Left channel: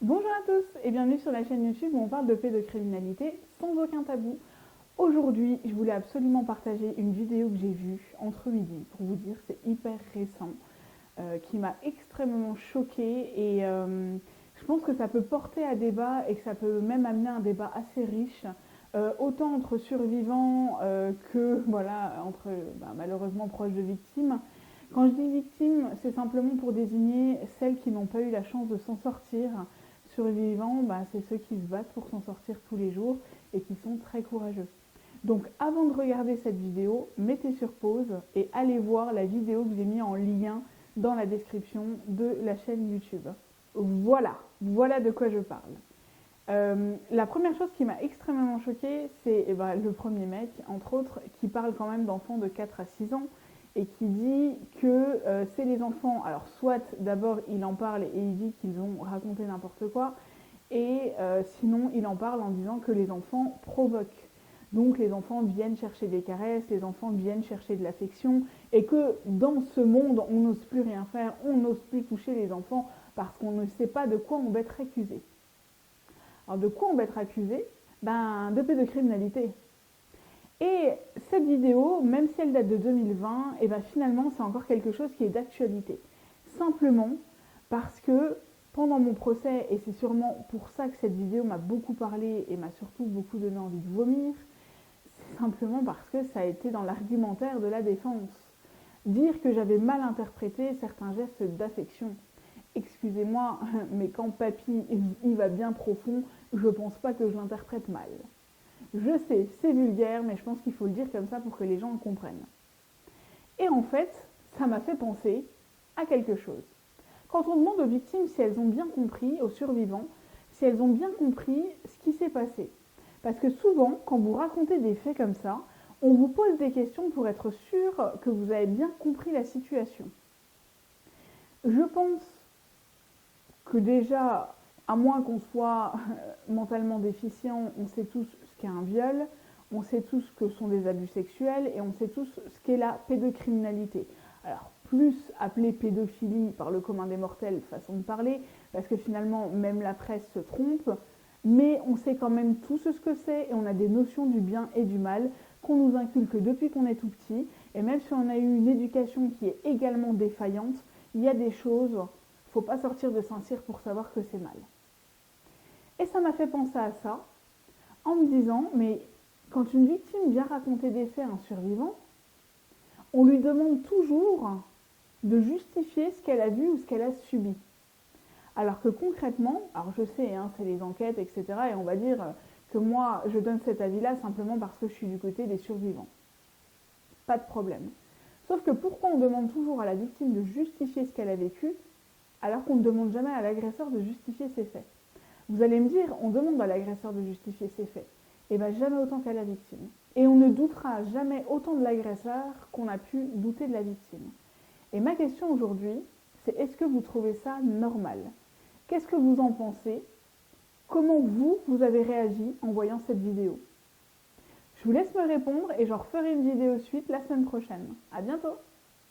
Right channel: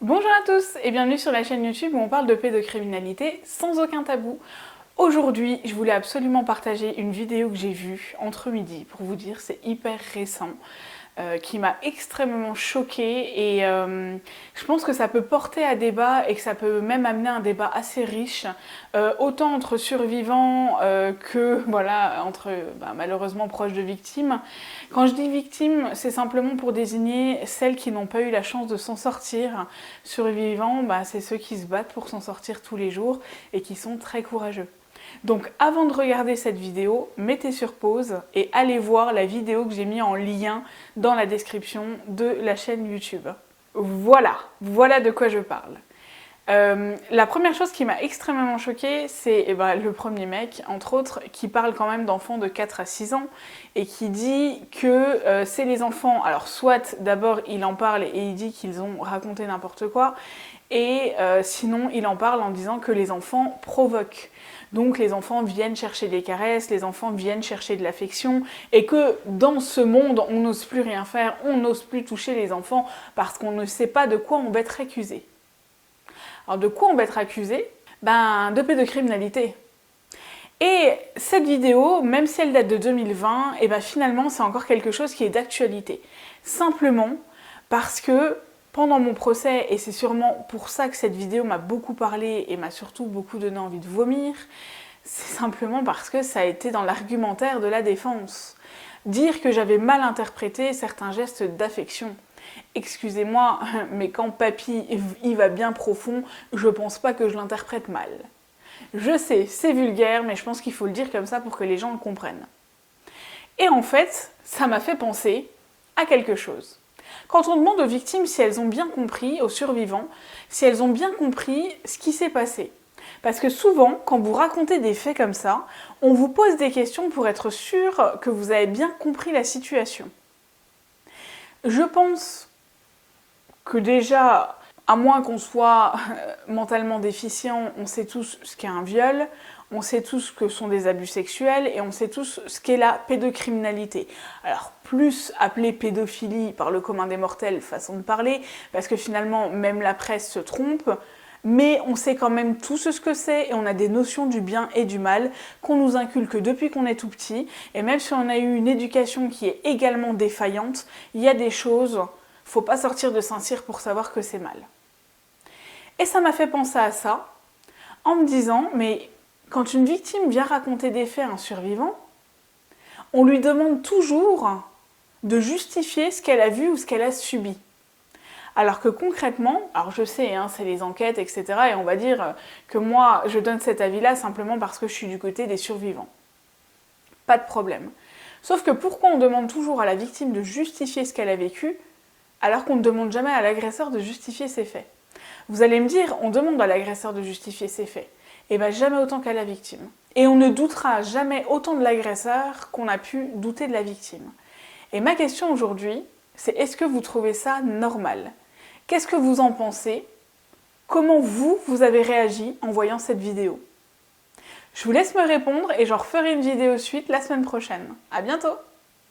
Bonjour à tous et bienvenue sur la chaîne YouTube où on parle de pédocriminalité sans aucun tabou. Aujourd'hui, je voulais absolument partager une vidéo que j'ai vue entre midi, pour vous dire, c'est hyper récent, qui m'a extrêmement choquée et je pense que ça peut porter à débat et que ça peut même amener un débat assez riche, autant entre survivants que voilà, entre malheureusement proches de victimes. Quand je dis victimes, c'est simplement pour désigner celles qui n'ont pas eu la chance de s'en sortir. Survivants, c'est ceux qui se battent pour s'en sortir tous les jours et qui sont très courageux. Donc avant de regarder cette vidéo, mettez sur pause et allez voir la vidéo que j'ai mis en lien dans la description de la chaîne YouTube. Voilà de quoi je parle. La première chose qui m'a extrêmement choquée, c'est le premier mec, entre autres, qui parle quand même d'enfants de 4 à 6 ans et qui dit que c'est les enfants, alors soit d'abord il en parle et il dit qu'ils ont raconté n'importe quoi, et sinon il en parle en disant que les enfants provoquent. Donc les enfants viennent chercher des caresses, les enfants viennent chercher de l'affection, et que dans ce monde, on n'ose plus rien faire, on n'ose plus toucher les enfants parce qu'on ne sait pas de quoi on va être accusé. Alors de quoi on va être accusé? De pédocriminalité. Et cette vidéo, même si elle date de 2020, finalement c'est encore quelque chose qui est d'actualité. Simplement parce que pendant mon procès, et c'est sûrement pour ça que cette vidéo m'a beaucoup parlé et m'a surtout beaucoup donné envie de vomir, c'est simplement parce que ça a été dans l'argumentaire de la défense. Dire que j'avais mal interprété certains gestes d'affection. Excusez-moi, mais quand papy y va bien profond, je pense pas que je l'interprète mal. Je sais, c'est vulgaire, mais je pense qu'il faut le dire comme ça pour que les gens le comprennent. Et en fait, ça m'a fait penser à quelque chose. Quand on demande aux victimes si elles ont bien compris, aux survivants, si elles ont bien compris ce qui s'est passé. Parce que souvent, quand vous racontez des faits comme ça, on vous pose des questions pour être sûr que vous avez bien compris la situation. Je pense que déjà, à moins qu'on soit mentalement déficient, on sait tous ce qu'est un viol, on sait tous ce que sont des abus sexuels et on sait tous ce qu'est la pédocriminalité. Alors, plus appelée pédophilie par le commun des mortels, façon de parler, parce que finalement, même la presse se trompe, mais on sait quand même tous ce que c'est et on a des notions du bien et du mal qu'on nous inculque depuis qu'on est tout petit. Et même si on a eu une éducation qui est également défaillante, il y a des choses, faut pas sortir de Saint-Cyr pour savoir que c'est mal. Et ça m'a fait penser à ça, en me disant, mais quand une victime vient raconter des faits à un survivant, on lui demande toujours de justifier ce qu'elle a vu ou ce qu'elle a subi. Alors que concrètement, alors je sais, c'est les enquêtes, etc. Et on va dire que moi, je donne cet avis-là simplement parce que je suis du côté des survivants. Pas de problème. Sauf que pourquoi on demande toujours à la victime de justifier ce qu'elle a vécu, alors qu'on ne demande jamais à l'agresseur de justifier ses faits? Vous allez me dire, on demande à l'agresseur de justifier ses faits. Et jamais autant qu'à la victime. Et on ne doutera jamais autant de l'agresseur qu'on a pu douter de la victime. Et ma question aujourd'hui, c'est est-ce que vous trouvez ça normal? Qu'est-ce que vous en pensez? Comment vous avez réagi en voyant cette vidéo? Je vous laisse me répondre et j'en referai une vidéo suite la semaine prochaine. À bientôt!